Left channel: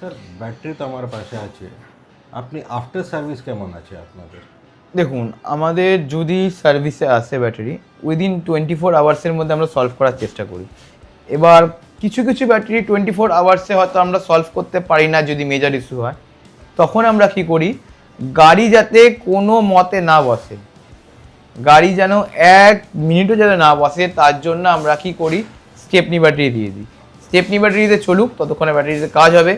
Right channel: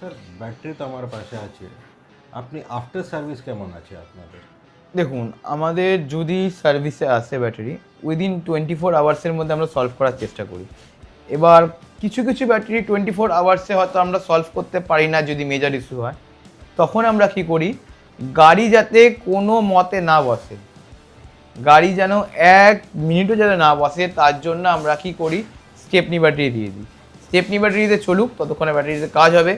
Sir battery তো আমার পাশে আছে, আপনি আফটার সার্ভিস কেমন আছে আপনাদের? দেখুন, আমাদের যদি সার্ভিসে আসে ব্যাটারি উইদিন 24 আওয়ার্সের মধ্যে আমরা সলভ করার চেষ্টা করি। এবার কিছু কিছু ব্যাটারি 24 আওয়ার্সে হয়তো আমরা সলভ করতে পারি না, যদি মেজর ইস্যু হয় তখন আমরা কি করি, গাড়ি যাতে কোনো মতে না বসে, গাড়ি যেন 1 মিনিটও যেন না বসে, তার জন্য আমরা কি করি, স্টেপনি ব্যাটারি দিয়ে দিই। স্টেপনি ব্যাটারিতে চলুক, ততক্ষণে ব্যাটারিতে কাজ হবে।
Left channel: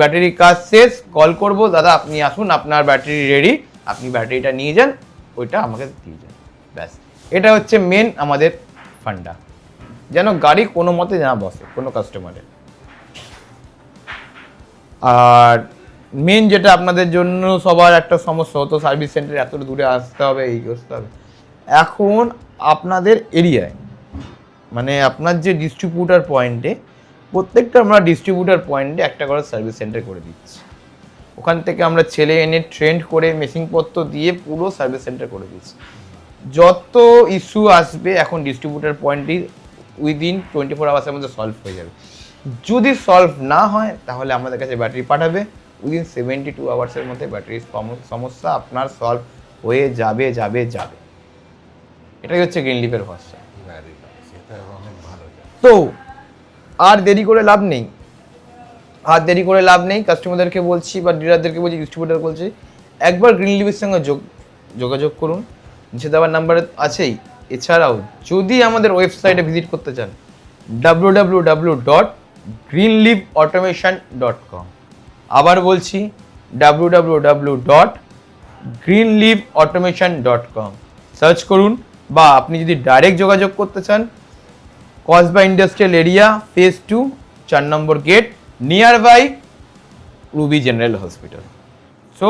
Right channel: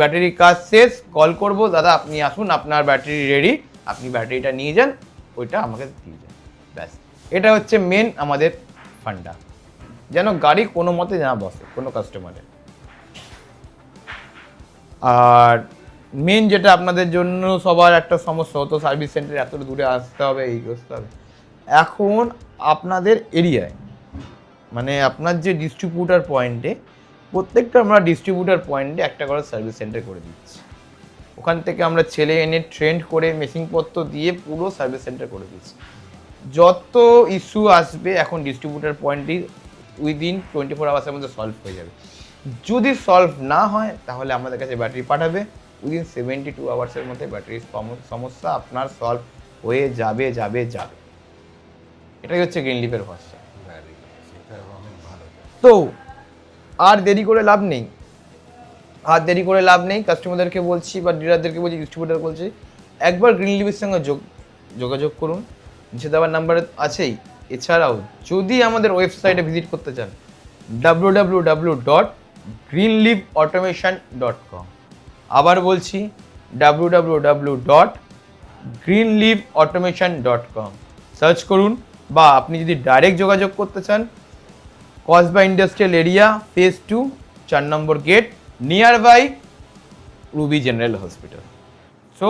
ব্যাটারির কাজ শেষ, কল করব, দাদা আপনি আসুন, আপনার ব্যাটারি রেডি, আপনি ব্যাটারিটা নিয়ে যান, ওইটা আমাকে দিয়ে যান, ব্যাস। এটা হচ্ছে মেন আমাদের ফান্ডা, যেন গাড়ি কোনো মতে না বসে কোনো কাস্টমারের। আর মেন যেটা আপনাদের জন্য সবার একটা সমস্যা হতো, সার্ভিস সেন্টারে এত দূরে আসতে হবে, এই করতে হবে, এখন আপনাদের এরিয়ায় মানে আপনার যে ডিস্ট্রিবিউটার পয়েন্টে, প্রত্যেকটা আমরা ডিস্ট্রিবিউটার পয়েন্টে একটা করে সার্ভিস সেন্টার করে দিচ্ছি। ওখান থেকে আমরা ছেলে এনে ট্রেন্ড করে মেশিনপত্র দিয়ে পুরো সার্ভিস সেন্টার করে দিচ্ছি। যত ইস্যু আসবে এখন ডিস্ট্রিবিউটার পয়েন্টই উইদিন 24 আওয়ার্সের মধ্যে সলভ হয়ে যাবে। যদি সলভ না হয় তাহলে আমাদের কাছে ব্যাটারি পাঠাবে, উইদিন 72 আওয়ার্সের মধ্যে ব্যাটারির সমস্যা আপনার সলভ হয়ে যাবে যাবে যাবে। এটাই হচ্ছে গ্রিনলিফের ভাষা। সেটা অনেক ভালো। তো আর দেরি করে লাভ নেই, আর দেরি করে লাভ নেই, কাস্টমারদেরকে বলছি বা ডিলারদেরকে বলছি, ডিস্ট্রিবিউটার বলছি, একবার গ্রিনলিফের সঙ্গে যোগাযোগ করুন, নিচে দেওয়ার নাম্বার আছেই। এছাড়াও যদি আমাদের ওয়েবসাইটে ভিজিট করতে চান, www.greenleafautomation.com, আবার বলছি www.greenleafautomation.com সার্চ করুন, বা আপনি যদি ডাইরেক্ট যোগাযোগ করতে চান, কসবা ইন্ডাস্ট্রিয়াল এরিয়া, ফেজ 2, 4 নম্বর gate, near by Ruby General Hospital. So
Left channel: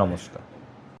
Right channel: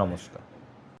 নমস্কার।